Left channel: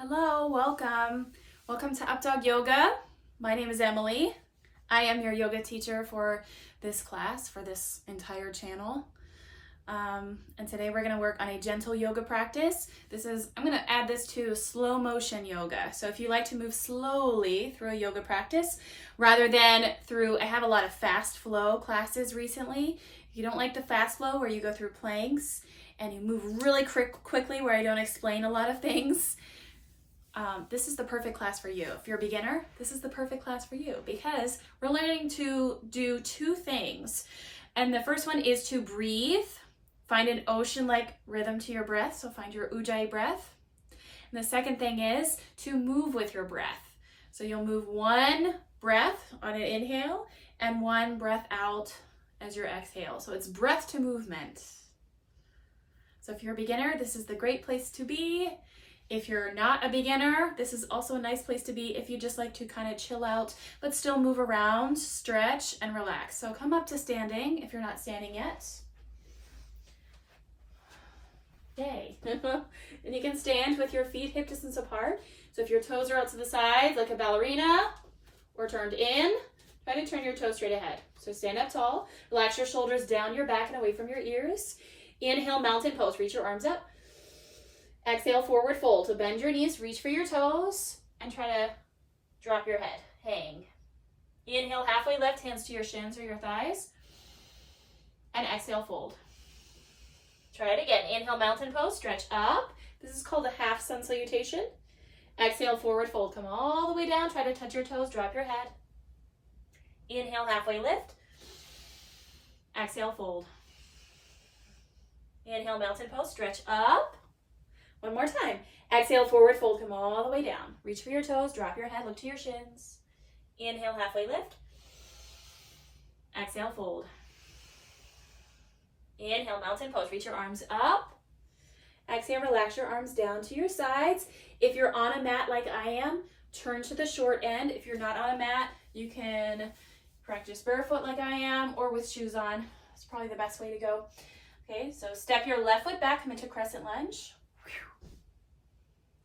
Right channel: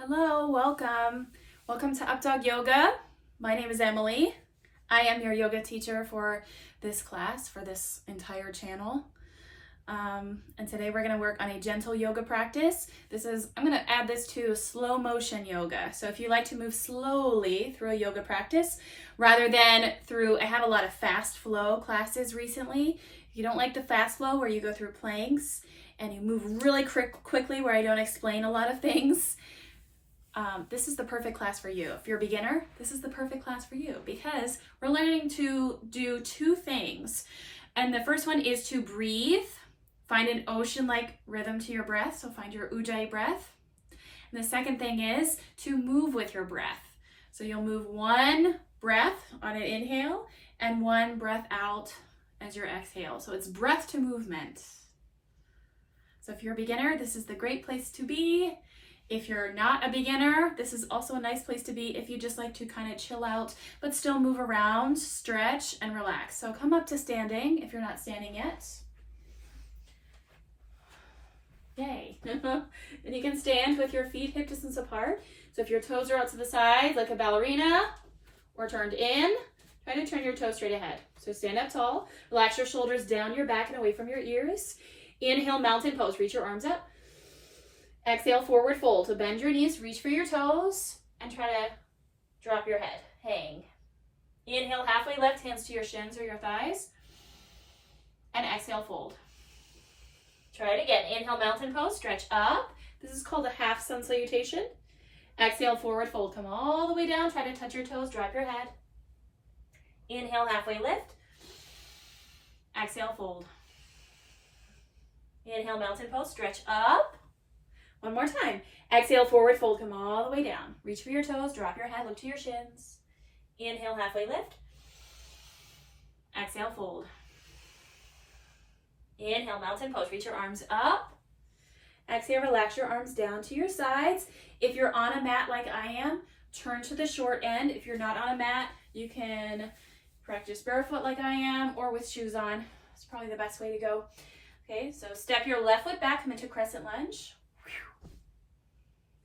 Hello, welcome. Welcome to Updawg-Yoga. My name is Emily. I am your yoga teacher for this class, for this entire channel. And today we're going to work on a gentle yoga practice. I'm going to add this to slow motion yoga. So if you like to move slowly through a yoga practice, rather than I have a lot of fast flow classes recently. If you don't like the fast flow where you go through planks and you move really quickly where I don't explain a lot of things, this is the perfect class for you. If you're a beginner, this is the perfect class for you because we're learning to do two things. And the first one is to breathe. Find an ocean-like rhythm to your breath, so find your ujjayi breath. And the second thing is to move with your breath. So you'll move one breath on an inhale and one breath out as your exhale. So it's breath to movement. So if you're a beginner, this is the great place to be. If you're not a beginner, this is also a nice place to be if you just like to kind of chill out, but still move around, stretch, and relax. So come up to standing if you're not standing yet. Yay. And you can stand with your feet hip distance apart. So if your toes are out to the side like a ballerina or turned in, try to turn your toes straight ahead. So stand up tall, relax your shoulders down your back and away from your ears. Inhale, mountain pose, reach your arms up. Exhale, forward fold. So bend your knees, reach for your toes, and try to drop your head. Hang. Inhale, halfway lift, hands to your shins or your thighs. And exhale, fold. Try it again. Inhale, mountain pose, stretch up. This is called a half sun salutation. Exhale, forward fold. Come all the way down. Try to touch your toes, drop your head. Inhale, halfway lift. Exhale, fold. Inhale, mountain pose, stretch up. One more time. Exhale, forward fold, come all the way down. Reach for your toes, drop your head, look to your shins. Inhale, halfway lift. Exhale, fold. Inhale, mountain pose, reach your arms up. Exhale, relax your arms down to your sides. If you're on a mat like I am, turn to the short end. If you're not on a mat, you can practice barefoot like I am or with shoes on. It's probably the best way to go. Okay, so step your left foot back, come into crescent lunge.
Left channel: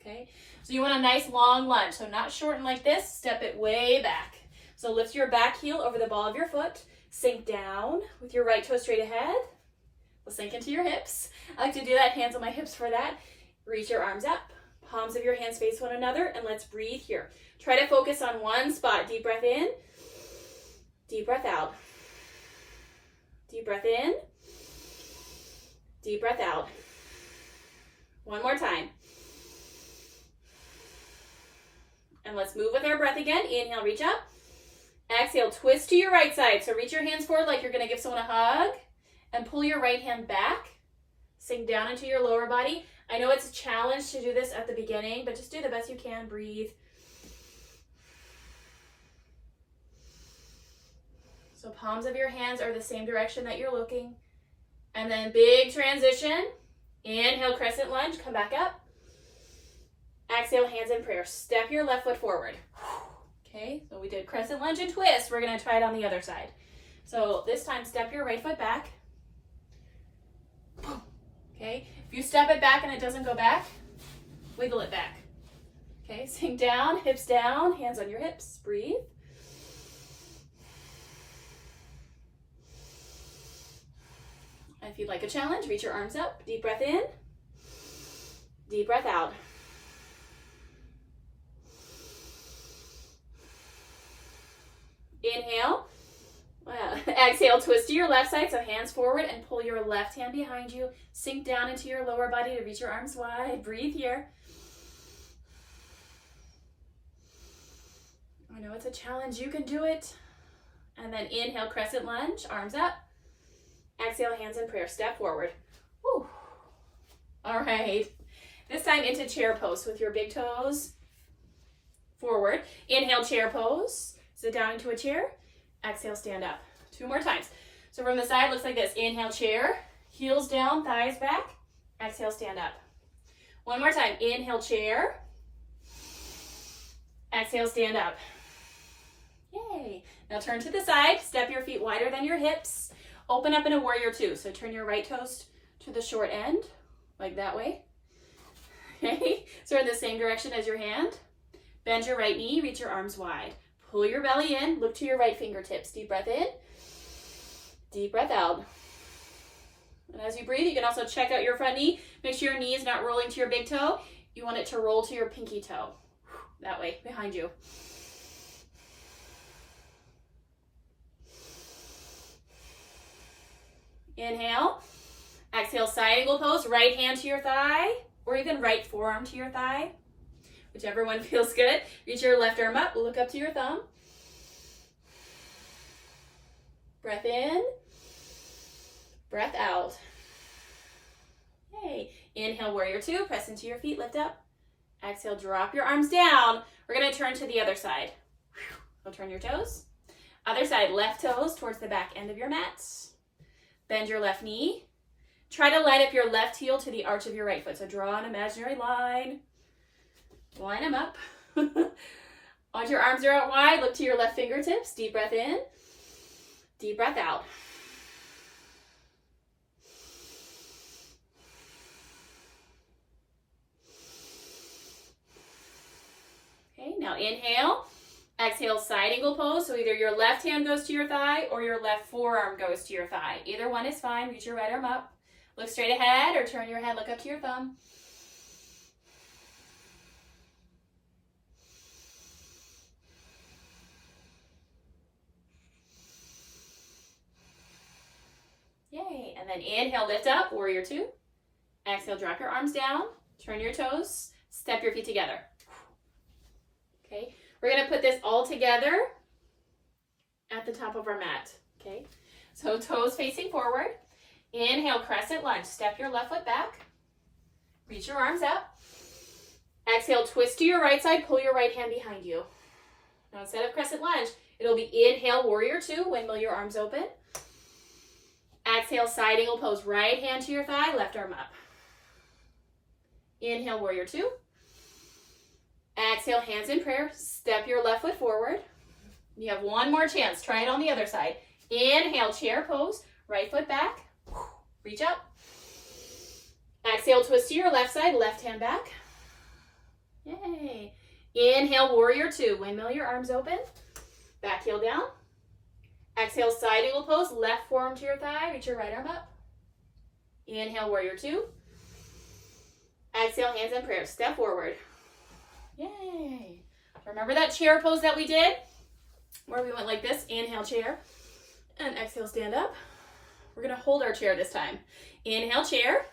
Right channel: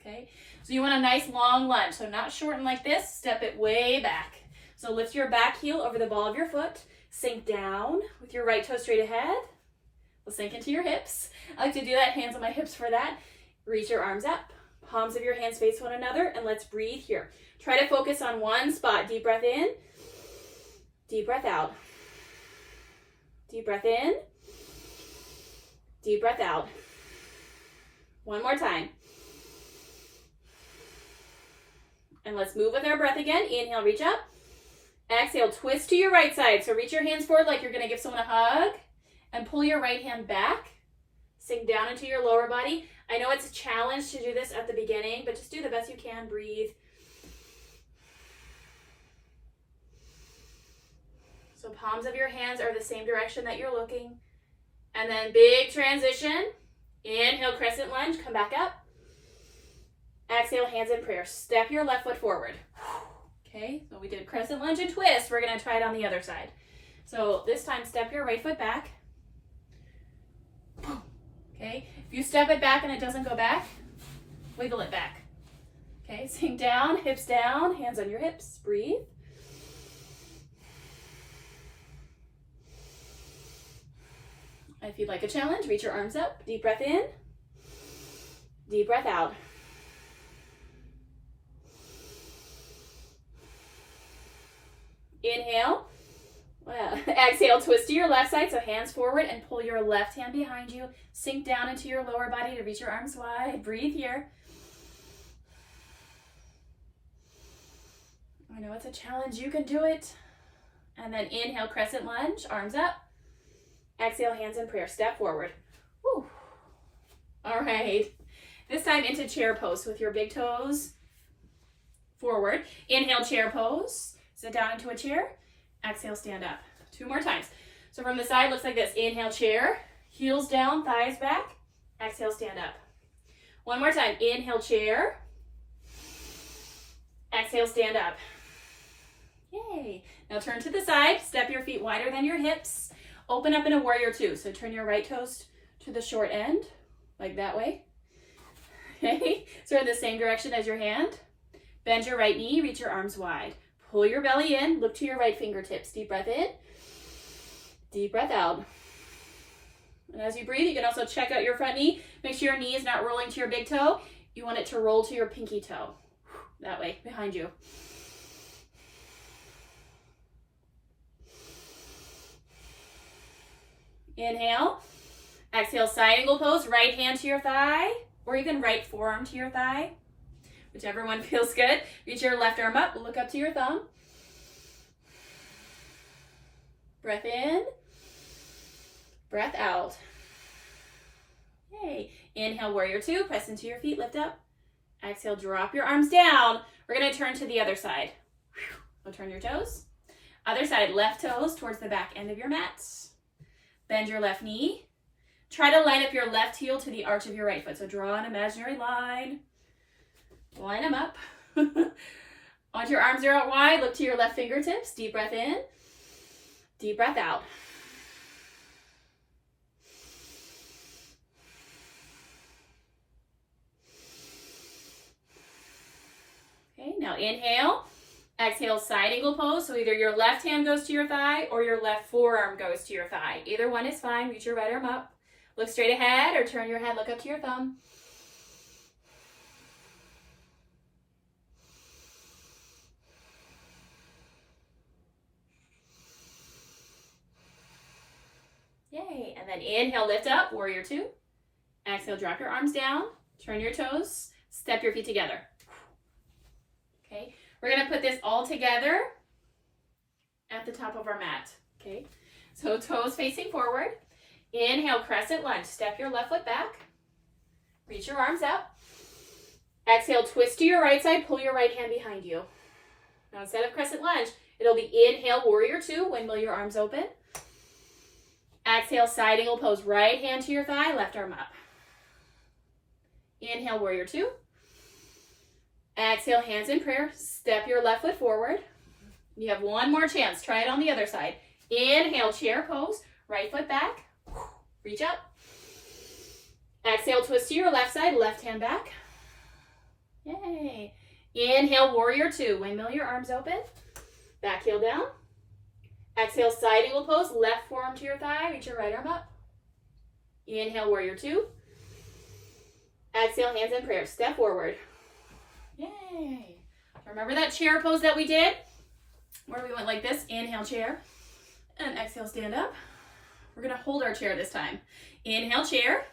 Okay, so you want a nice long lunge, so not shorten like this, step it way back. So lift your back heel over the ball of your foot, sink down with your right toe straight ahead. We'll sink into your hips. I like to do that, hands on my hips for that. Reach your arms up, palms of your hands face one another, and let's breathe here. Try to focus on one spot. Deep breath in, deep breath out. Deep breath in, deep breath out. One more time. And let's move with our breath again. Inhale, reach up. Exhale, twist to your right side. So reach your hands forward like you're going to give someone a hug. And pull your right hand back. Sink down into your lower body. I know it's a challenge to do this at the beginning, but just do the best you can. Breathe. So palms of your hands are the same direction that you're looking. And then big transition. Inhale, crescent lunge. Come back up. Exhale, hands in prayer. Step your left foot forward. Okay, so we did crescent lunge and twist. We're going to try it on the other side. So this time, step your right foot back. Okay, if you step it back and it doesn't go back, wiggle it back. Okay, sink down, hips down, hands on your hips. Breathe. If you'd like a challenge, reach your arms up. Deep breath in. Deep breath out. Inhale. Exhale, twist to your left side, so hands forward and pull your left hand behind you. Sink down into your lower body to reach your arms wide. Breathe here. I know it's a challenge. You can do it. And then inhale, crescent lunge, arms up. Exhale, hands in prayer. Step forward. Woo. All right. This time into chair pose with your big toes forward. Inhale, chair pose. Sit down into a chair. Exhale, stand up. Two more times. So from the side, looks like this. Inhale, chair. Heels down, thighs back. Exhale, stand up. One more time. Inhale, chair. Exhale, stand up. Yay. Now turn to the side. Step your feet wider than your hips. Open up in a warrior two. So turn your right toes to the short end, like that way. Okay. So in the same direction as your hand. Bend your right knee, reach your arms wide. Pull your belly in, look to your right fingertips. Deep breath in, deep breath out. And as you breathe, you can also check out your front knee. Make sure your knee is not rolling to your big toe. You want it to roll to your pinky toe. That way, behind you. Inhale. Exhale, side angle pose. Right hand to your thigh, or even right forearm to your thigh. Whichever one feels good. Reach your left arm up, look up to your thumb. Breath in, breath out. Okay, inhale, warrior two, press into your feet, lift up. Exhale, drop your arms down. We're gonna turn to the other side. So turn your toes. Other side, left toes towards the back end of your mat. Bend your left knee. Try to line up your left heel to the arch of your right foot. So draw an imaginary line. Line them up. Once your arms are out wide, look to your left fingertips. Deep breath in, deep breath out. Okay, now inhale. Exhale, side angle pose. So either your left hand goes to your thigh or your left forearm goes to your thigh. Either one is fine. Reach your right arm up. Look straight ahead or turn your head, look up to your thumb. Yay. And then inhale, lift up, warrior two. Exhale, drop your arms down, turn your toes, step your feet together. Okay, we're gonna put this all together at the top of our mat. Okay, so toes facing forward. Inhale, crescent lunge. Step your left foot back. Reach your arms up. Exhale, twist to your right side, pull your right hand behind you. Now instead of crescent lunge, it'll be inhale, warrior two, windmill your arms open. Exhale, side angle pose, right hand to your thigh, left arm up. Inhale, warrior two. Exhale, hands in prayer. Step your left foot forward. You have one more chance. Try it on the other side. Inhale, chair pose, right foot back. Reach up. Exhale, twist to your left side, left hand back. Yay. Inhale, warrior two. Windmill your arms open. Back heel down. Exhale, side angle pose, left forearm to your thigh, reach your right arm up. Inhale, warrior two. Exhale, hands in prayer, step forward. Yay. Remember that chair pose that we did? Where we went like this, inhale, chair, and exhale, stand up. We're gonna hold our chair this time. Inhale, chair.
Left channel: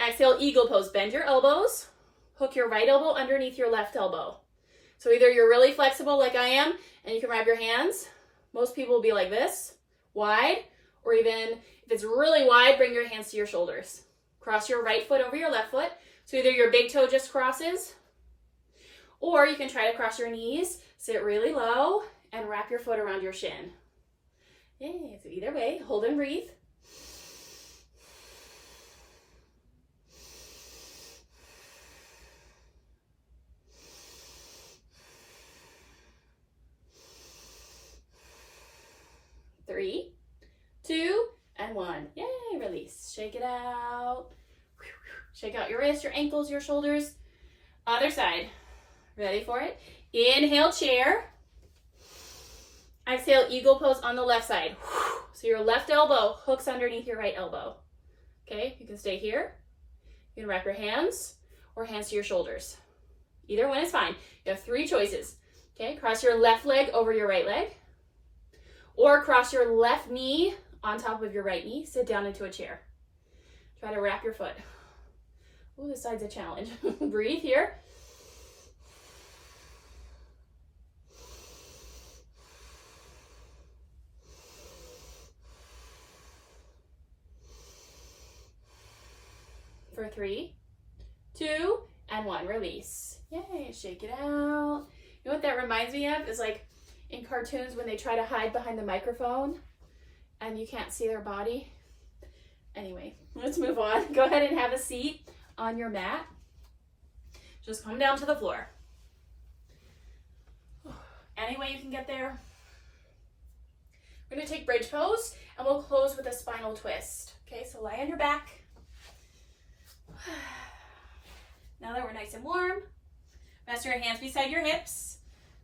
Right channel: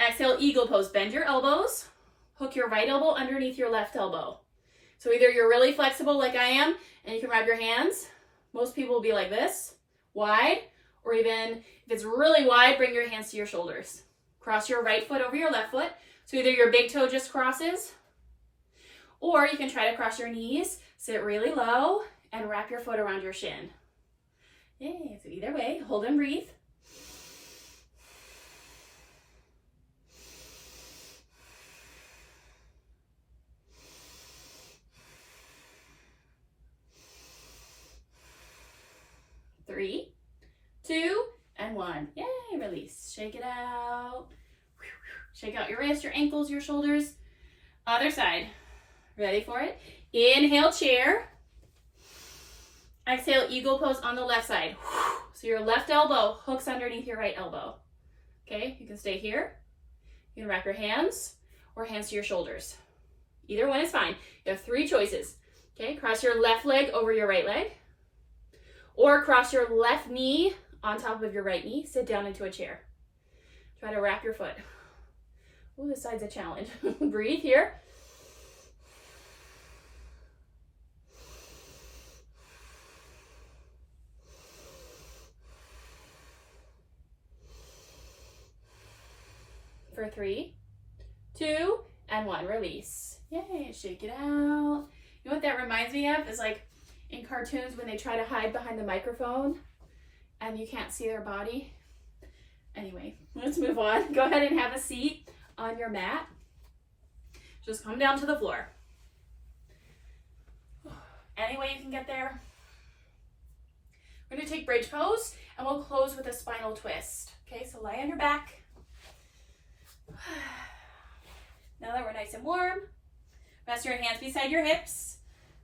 Exhale, eagle pose, bend your elbows. Hook your right elbow underneath your left elbow. So either you're really flexible like I am, and you can wrap your hands. Most people will be like this, wide, or even if it's really wide, bring your hands to your shoulders. Cross your right foot over your left foot. So either your big toe just crosses, or you can try to cross your knees, sit really low, and wrap your foot around your shin. Yay, so either way, hold and breathe. Three, two, and one. Yay, release. Shake it out. Shake out your wrists, your ankles, your shoulders. Other side. Ready for it? Inhale, chair. Exhale, eagle pose on the left side. So your left elbow hooks underneath your right elbow. Okay, you can stay here. You can wrap your hands or hands to your shoulders. Either one is fine. You have three choices. Okay, cross your left leg over your right leg. Or cross your left knee on top of your right knee. Sit down into a chair. Try to wrap your foot. Ooh, this side's a challenge. Breathe here. For 3, 2, and 1. Release. Yay, shake it out. You know what that reminds me of? Is like in cartoons when they try to hide behind the microphone and you can't see their body. Anyway, let's move on. Go ahead and have a seat on your mat. Just come down to the floor. Any way you can get there. We're going to take bridge pose and we'll close with a spinal twist. Okay, so lie on your back. Now now that we're nice and warm, rest your hands beside your hips.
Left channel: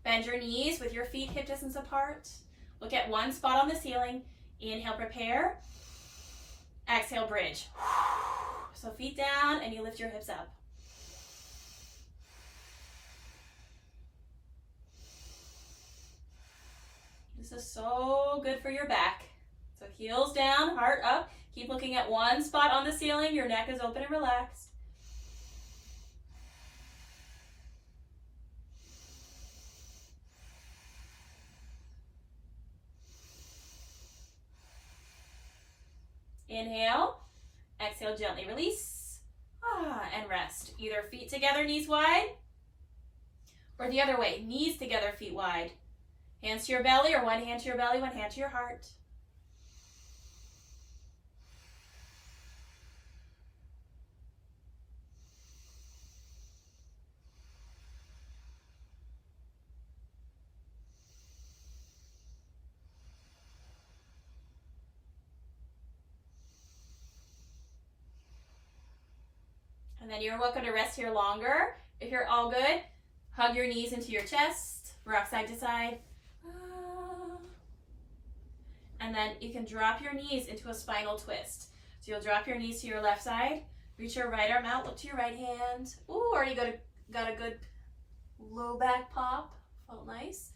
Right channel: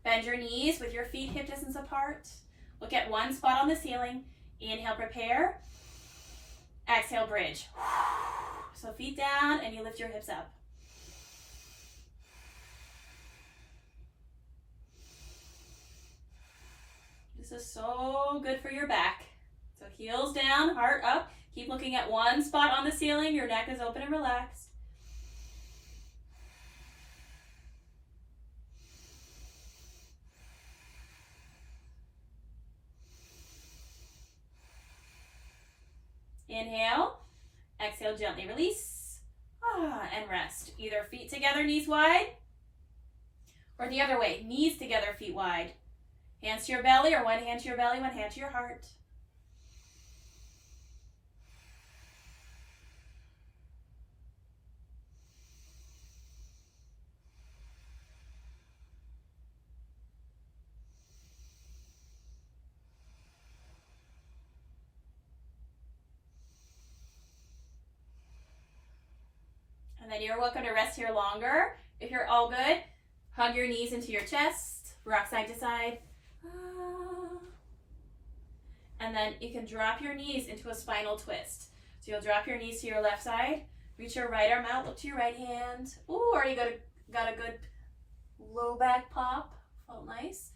Bend your knees with your feet hip distance apart. Look at one spot on the ceiling. Inhale, prepare. Exhale, bridge. So feet down and you lift your hips up. This is so good for your back. So heels down, heart up. Keep looking at one spot on the ceiling. Your neck is open and relaxed. Inhale, exhale, gently release, and rest. Either feet together, knees wide, or the other way, knees together, feet wide. Hands to your belly, or one hand to your belly, one hand to your heart. And then you're welcome to rest here longer. If you're all good, hug your knees into your chest, rock side to side. And then you can drop your knees into a spinal twist. So you'll drop your knees to your left side, reach your right arm out, look to your right hand. Ooh, already got a good low back pop. Felt nice.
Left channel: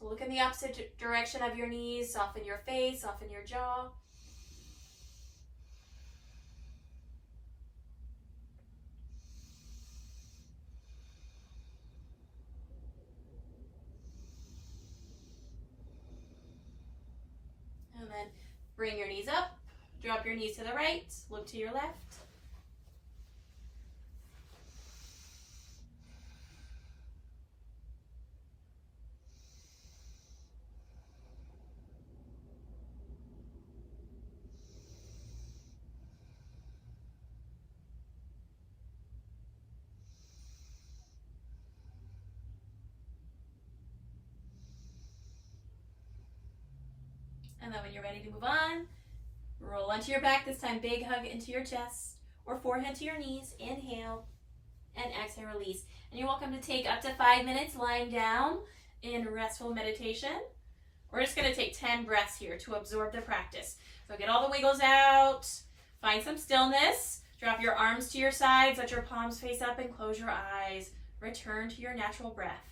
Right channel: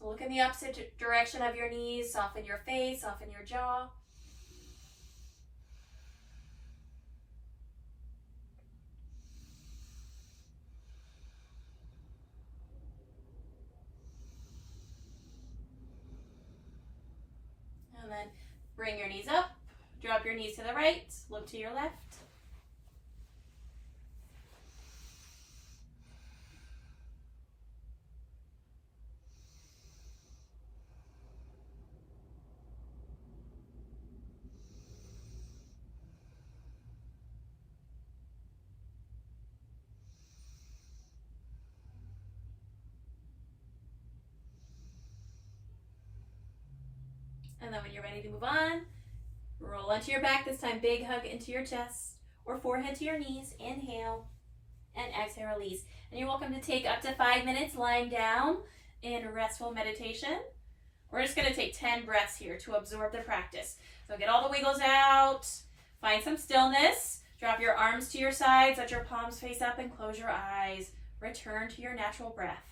So look in the opposite direction of your knees, soften your face, soften your jaw. And then bring your knees up, drop your knees to the right, look to your left. And then when you're ready to move on, roll onto your back. This time, big hug into your chest or forehead to your knees. Inhale and exhale, release. And you're welcome to take up to 5 minutes lying down in restful meditation. We're just going to take 10 breaths here to absorb the practice. So get all the wiggles out, find some stillness, drop your arms to your sides, let your palms face up and close your eyes. Return to your natural breath.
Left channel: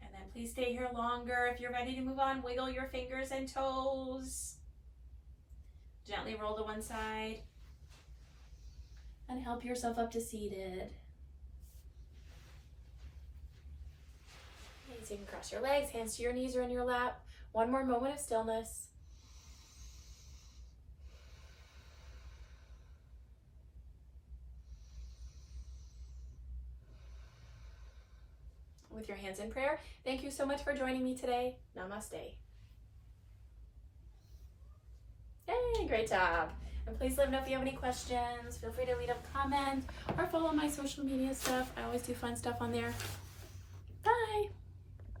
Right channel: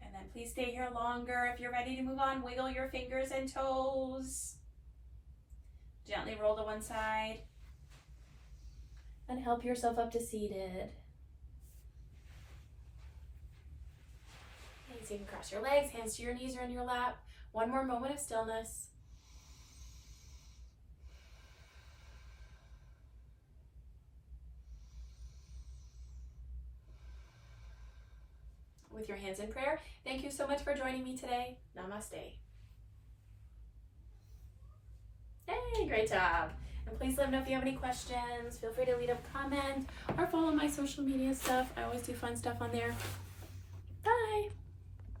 And then please stay here longer. If you're ready to move on, wiggle your fingers and toes. Gently roll to one side. And help yourself up to seated. Okay, so you can cross your legs, hands to your knees or in your lap. One more moment of stillness. With your hands in prayer, thank you so much for joining me today. Namaste. Hey, great job. And please let me know if you have any questions. Feel free to leave a comment or follow my social media stuff. I always do fun stuff on there.